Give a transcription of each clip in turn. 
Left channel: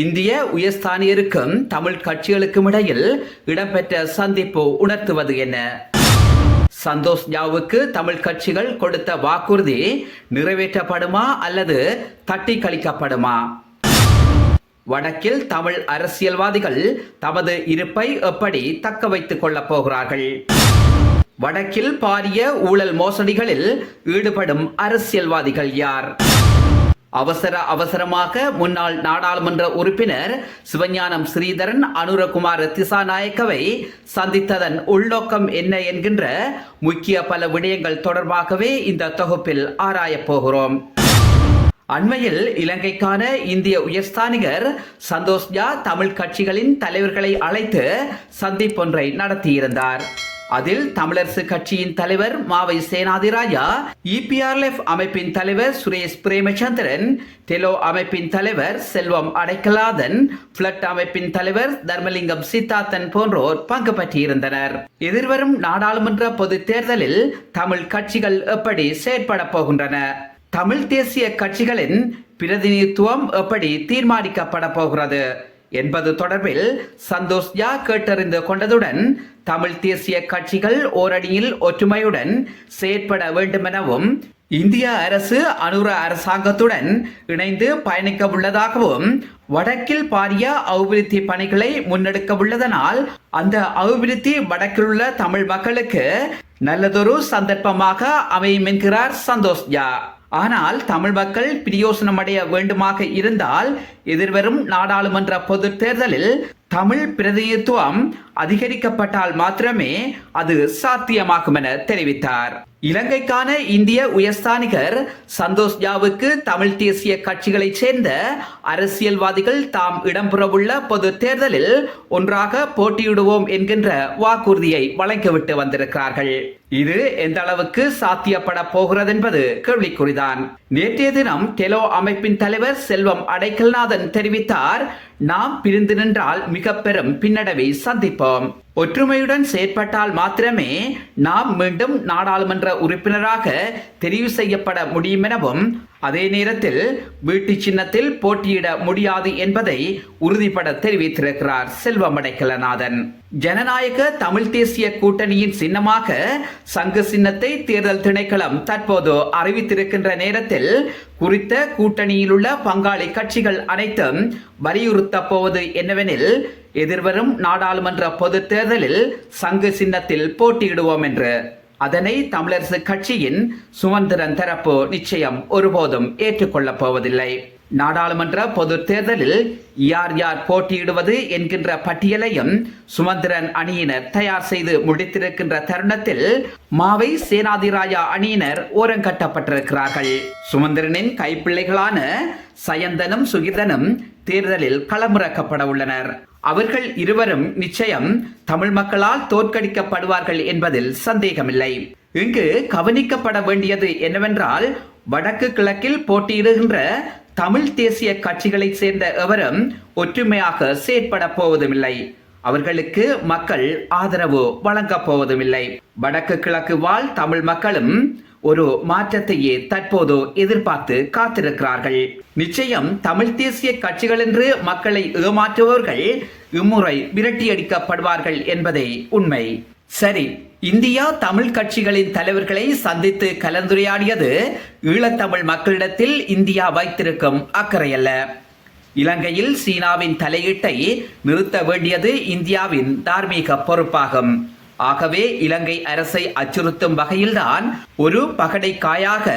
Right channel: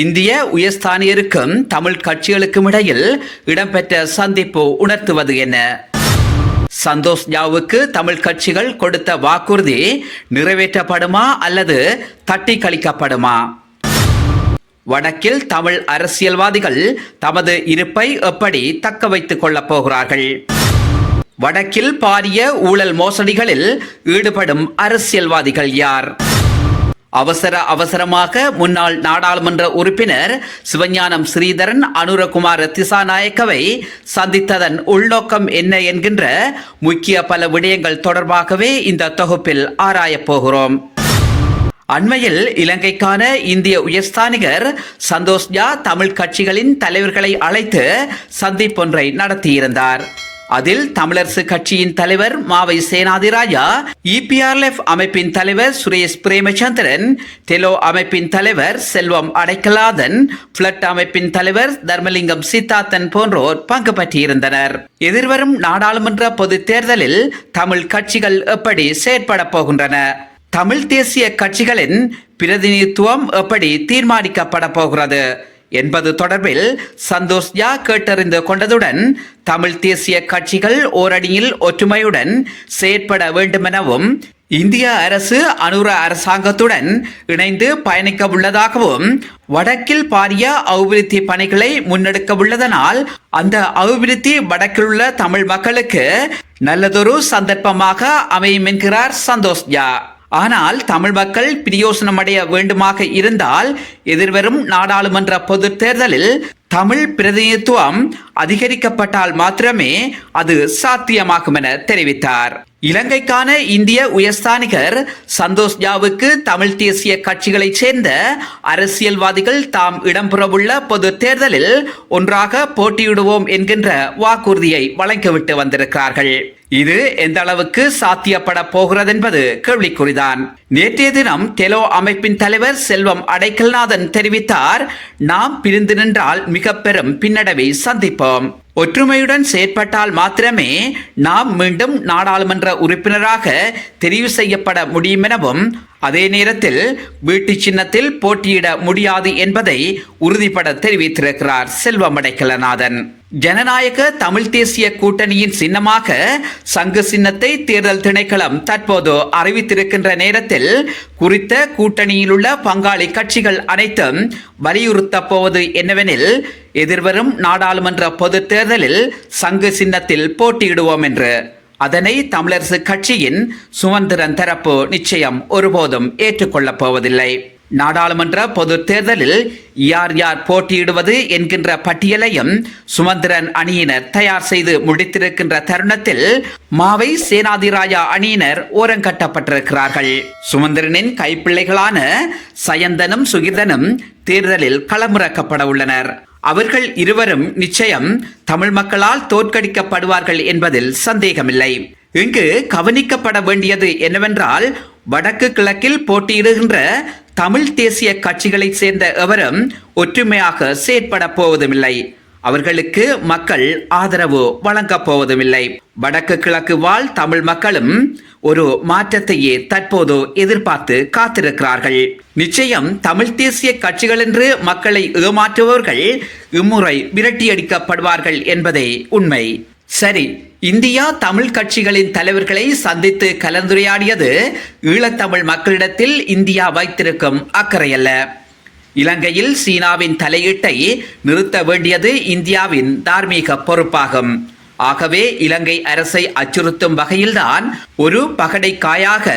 இந்திய உயர்ஸ்தானியருக்கும் தமிழ் கட்சிகளுக்கும் இடையில் இடம்பெற்ற சந்திப்பு உணர்த்துவது என்ன? சந்தோஷ் ஜாவுக்கு தமிழ் கட்சிகள் கொடுத்த வாக்குறுதி நிறைவேற்றப்படுமா அல்லது தட்டி கழிக்கப்படுமா? வடக்கில் தமிழ் அரசியல்வாதிகள் தமது இருப்பை எப்படி தக்க வைத்துக் கொள்ளப் போகிறார்கள்? வடக்கில் பாரிய ஊழல் மோசடிகளில் ஈடுபடும் அரசியல்வாதிகள் யார்? அவசரமாக முன்னாள் நாடாளுமன்ற உறுப்பினர் சிவஞானம் ஸ்ரீதரன் அனுரகுமார திசாநாயக்கவை சந்தித்ததன் உள்நோக்கம் என்ன என்கின்ற முக்கிய பல விடயங்கள் தொடர்பாகவே இந்த தொகுப்பில் ஆராயப் போகிறோம். அண்மையில் இலங்கைக்கான இந்திய உயர்ஸ்தானிகர் சந்தோஷ் ஜா தமிழ் கட்சிகளின் தலைவர்களை அழைத்து சந்திப்பொன்றை நடத்தியிருந்தார். அதில் தமிழரசு கட்சியின் தலைவர் மாவை சேனாதிராஜா, EPRLF அமைப்பின் தலைவர் சுரேஷ் பிரேமச்சந்திரன், டெலோ அமைப்பின் தலைவர் செல்வம் அடைக்கலாதன், பிளட் அமைப்பின் தலைவர் தர்மலிங்கம் சித்தார்த்தன் போன்றோர் பங்கு பற்றியிருந்தனர். எதிர்வரும் நாடாளுமன்ற பொது தேர்தலில் தமிழ் கட்சிகள் எப்படி செயற்பட போகின்றன? தமிழ் தேசிய கட்சிகளின் பிரதிநிதித்துவம் எப்படி தீர்மானிக்கப்பட போகிறது என்பது தொடர்பில் சந்தோஷ் ஜா கேட்டறிந்து கொண்டதுடன் தமிழ் தேசிய கட்சிகள் ஓரணியில் ஒற்றுமையுடன் செயற்பட வேண்டுமெனவும் இந்திய அரசு அனுர அரசாங்கத்துடன் இணைந்து பயணிக்க உள்ளதாகவும் வடக்கில் பாரிய அபிவிருத்தி பணிகளை முன்னெடுக்க உள்ளதனால் அந்த அபிவிருத்தி வடக்கில் உள்ள தமிழ் மக்களுக்கு நல்லதொரு சந்தர்ப்பமாக அமையும் என்கிறார் சந்தோஷ் ஜா. ஆனால் தமிழ் மக்கள் பிரயோசனமடைய வேண்டுமாக இருந்தால் எதிர்வரும் நாடாளுமன்ற பொது தேர்தலில் தமிழ் பிரதிநிதித்துவம் அதிகரிக்கப்பட்டால் மாத்திரமே அது சாத்தியமாகும் என தெரிவித்தார். இலங்கைக்கான இந்திய உயர்ஸ்தானிகர் சந்தோஷ் ஜாவுக்கு தமிழ் தேசிய கட்சிகளைச் சேர்ந்த அரசியல்வாதிகள் தாம் இடம்பெறவுள்ள பொது தேர்தலில் ஒன்றாக போட்டியிடுவோம் என்கின்ற வாக்குறுதியை வழங்கிவிட்டு வந்திருக்கிறார்கள். இது எந்த அளவுக்கு சாத்தியப்பட போகிறது என்பது கேள்விக்குறிதான். நேற்றைய தினம் டெலோ அமைப்பின் தலைவர் செல்வம் அடைக்கல்நாதன் தெரிவித்தார், நாம் பிரிந்து நின்றால் மிக பெரும் பின்னடைவை சந்திப்போம். ஒற்றுமையுடன் செயற்பட்டால் மாத்திரமே நாம் மீண்டும் நாடாளுமன்ற உறுப்பினராக தெரிவு செய்யப்பட முடியும் எனவும் அதே நேரத்தில் வீட்டு சின்னத்தில் போட்டியிட முடியாது என்பதை உறுதிபட தெரிவித்திருக்கிறார் செல்வம் அடைக்கலநாதன். ஜனநாயக தமிழ் தேசிய கூட்டணியின் சின்னமாக சங்கு சின்னத்தை தேர்தல் திணைக்களம் தற்போது அறிவித்திருக்கின்ற நேரத்தில் குறித்த கூட்டணியில் உள்ள பங்காளி கட்சிகள் அனைத்தும் வலியுறுத்த போவது என்னவெனில் எதிர்வரும் நாடாளுமன்ற பொது தேர்தலில் சங்கு சின்னத்தில் போட்டியிடுவோம் என்று. அதனை தமிழரசு கட்சியின் சுமந்திரன் தரப்பு நிச்சயம் ஒருபோதும் ஏற்றுக்கொள்ளப் போவதில்லை. நாடாளுமன்ற பொது தேர்தலில் யார் யார் போட்டியிடுவது என்கின்ற பட்டியலையும் சுமந்திரன் அணியினர் தயார் செய்து முடித்திருக்கின்ற தருணத்தில் மாவை சேனாதிராஜா அணியினர் ஓரங்கட்டப்பட்டிருக்கிறார்கள். சுமந்திரனின் கைப்பிள்ளைகளான சயந்தனும் சுகிர்தனும் தேர்தலில் களமிறக்கப்பட உள்ளனர். அவர்கள் இருவரும் நிச்சயம் தமிழ் மக்களால் தோற்கடிக்கப்படுவார்கள் என்பதில் சந்தேகமில்லை. இங்கு கவனிக்கப்பட வேண்டியது என்னவென்றால் வடக்கு கிழக்கில் போட்டியிடுகின்ற தமிழ் தேசிய கட்சிகளைச் சேர்ந்த எவரும் ஒற்றுமையாக செயற்பட போவதுமில்லை. அவர்களுக்கு மக்கள் ஆதரவு வழங்கப் போவதுமில்லை. வடக்கு கிழக்கு வாழ் தமிழ் மக்களும் ஒரு மாற்றத்தையே தற்போது எதிர்பார்த்து காத்திருக்கிறார்கள். நிச்சயம் தமிழ் தேசிய கட்சிகள் என்று மக்களை ஏமாற்றுபவர்கள் இம்முறை விரட்டியடிக்கப்படுவார்கள் என்பதே உண்மை. சரி, இந்தியா தமிழ் கட்சிகளின் தலைவர்களை சந்தித்து கலந்துரையாடியது ஈழத்தமிழ் மக்களிடத்தில் இந்தியா வைத்திருக்கும் அக்கறையல்ல. இலங்கையில் சீனாவின் தலையீட்டை நிறுத்த வேண்டியது இந்தியாவின் தார்மீக பொறுப்பாகும். ஆகவே இலங்கை அரசை அச்சுறுத்தும் வகையில்தான் ஒரு பகடைக்காயாக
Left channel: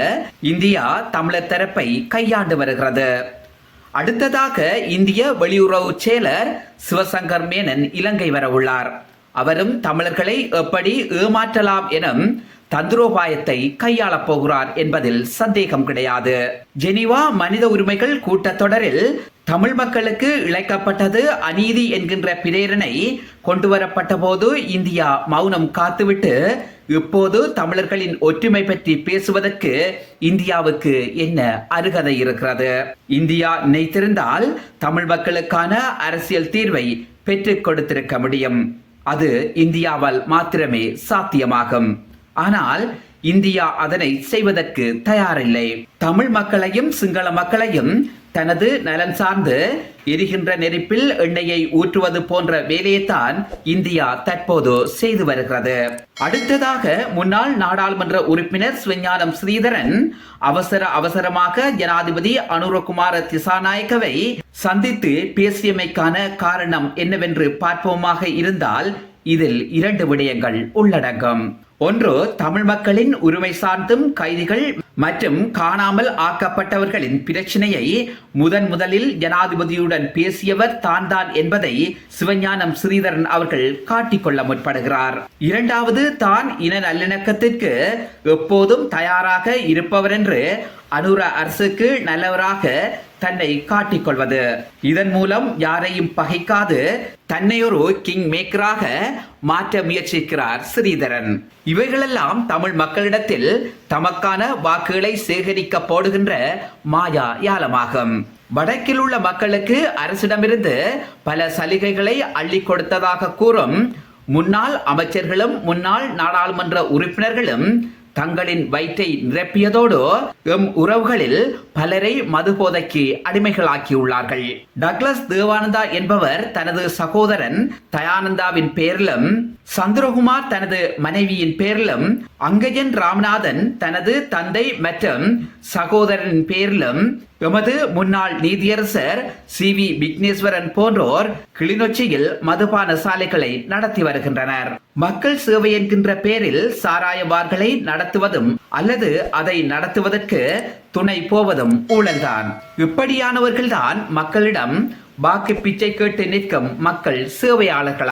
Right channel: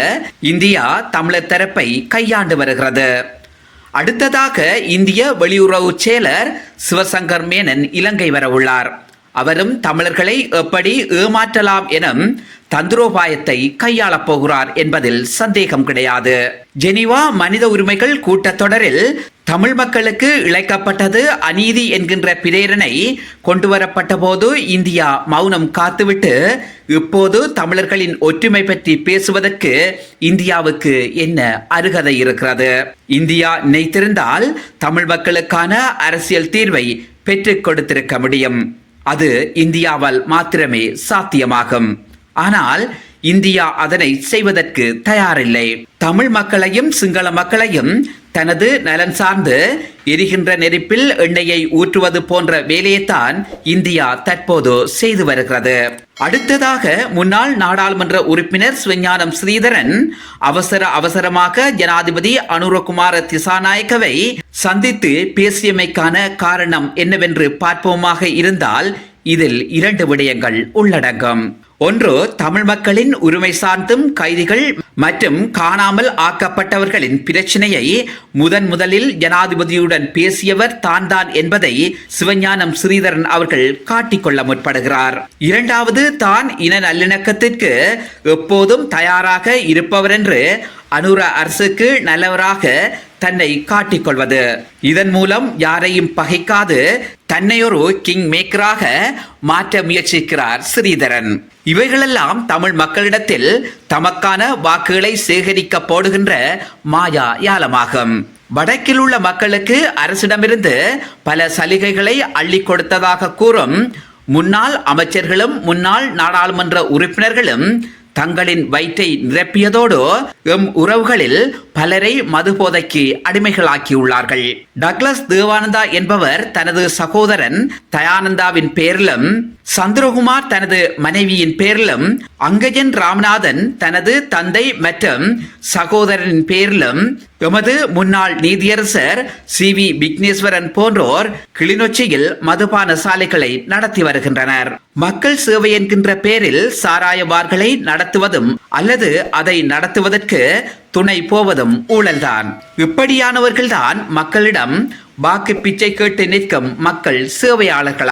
இந்தியா தமிழர் தரப்பை கையாண்டு வருகிறது. அடுத்ததாக இந்திய வெளியுறவு செயலர் சிவசங்கர் மேனன் இலங்கை வர உள்ளார். அவரும் தமிழர்களை எப்படி ஏமாற்றலாம் எனும் தந்திரோபாயத்தை கையாளப் போகிறார் என்பதில் சந்தேகம் கிடையாது. ஜெனீவா மனித உரிமைகள் கூட்டத்தொடரில் தமிழ் மக்களுக்கு இழைக்கப்பட்டது அநீதி என்கின்ற பிரேரணை கொண்டுவரப்பட்ட போது இந்தியா மௌனம் காத்துவிட்டு இப்போது தமிழர்களின் ஒற்றுமை பற்றி பேசுவதற்கு இந்தியாவுக்கு என்ன அருகதை இருக்கிறது? இந்தியா நினைத்திருந்தால் தமிழ் மக்களுக்கான அரசியல் தீர்வை பெற்றுக் கொடுத்திருக்க முடியும். அது இந்தியாவால் மாத்திரமே சாத்தியமாகும். ஆனால் இந்தியா அதனை செய்வதற்கு தயாரில்லை. தமிழ் மக்களையும் சிங்கள மக்களையும் தனது நலன் சார்ந்து எரிகின்ற நெருப்பில் எண்ணெயை ஊற்றுவது போன்ற வேலையைத்தான் இந்தியா தற்போது செய்து வருகிறது. அடுத்ததாக முன்னாள் நாடாளுமன்ற உறுப்பினர் சிவஞானம் ஸ்ரீதரன் அவசரமாக ஜனாதிபதி அனுரகுமார திசாநாயக்கவை சந்தித்து பேசியமைக்கான காரணம் என்னவென்று பார்ப்போமாக இருந்தால் இதில் 2 விடயங்கள் உள்ளடங்கும். ஒன்று, தமிழ் மக்களின் உரிமை சார்ந்தும் கைதிகள் மற்றும் காணாமல் ஆக்கப்பட்டவர்களின் பிரச்சனையை முதலில் ஜனாதிபதியுடன் பேசியவர் தான் என்பதை சிவஞானம் ஸ்ரீதரன் அவர்கள் காட்டிக்கொள்ள முற்படுகிறார். இரண்டாவது, தான் இன நல்லிணக்கத்திற்கு எப்போதும் தயாராக இருப்பவர் என்று அனுர அரசுக்கு நல்லவராக தன்னை காட்டிக்கொள்வது. இதன் மூலம் யாரையும் பகைக்காது தன்னை ஒரு கிங் மேக்கராக மாற்ற முயற்சிக்கிறார் ஸ்ரீதரன். இவைகளெல்லாம் தமிழ் மக்களிடத்தில் தமக்கான வாக்குகளை சேகரிக்க போடுகின்ற மாயா யாலமாகும். வடக்கில் உள்ள மக்களுக்கு அரசிடமிருந்து பல சலுகைகளை அள்ளி கொடுத்ததாக கூறும் முன்னாள் அமைச்சர்களும் முன்னாள் நாடாளுமன்ற உறுப்பினர்களும் தங்களின் வயிற்றை நிரப்பியதோடு எம் உறவுகளில் பலரை மதுபோதைக்கு அடிமைகளாக்கியுள்ளார்கள். டக்ளஸ் தேவானந்தா என்பவர் தனது சகோதரன் தயானந்தாவின் பேரிலும், சந்திரகுமார் தனது மனைவியின் பேரிலும், அங்கஜன் ராமநாதன் தனது தந்தை மற்றும் சகோதரனின் பேரிலும், எமது முன்னாள் நீதியரசர் CV விக்னேஸ்வரன் போன்றோர் கிளிநொச்சியில் மதுபான சாலைகளை நடத்தி வருகின்றனர். மக்கள் சேவை என்கின்ற பேரில் சாராய பார்களை நடத்துவதும் அல்லது அதை நடத்துவதற்கு துணை போவதும் ஊழல்தான். இப்படியானவர்கள்தான் மக்களிடம் வாக்கு பிச்சை கேட்டு நிற்கும் மக்கள் சேவையாளர்கள்.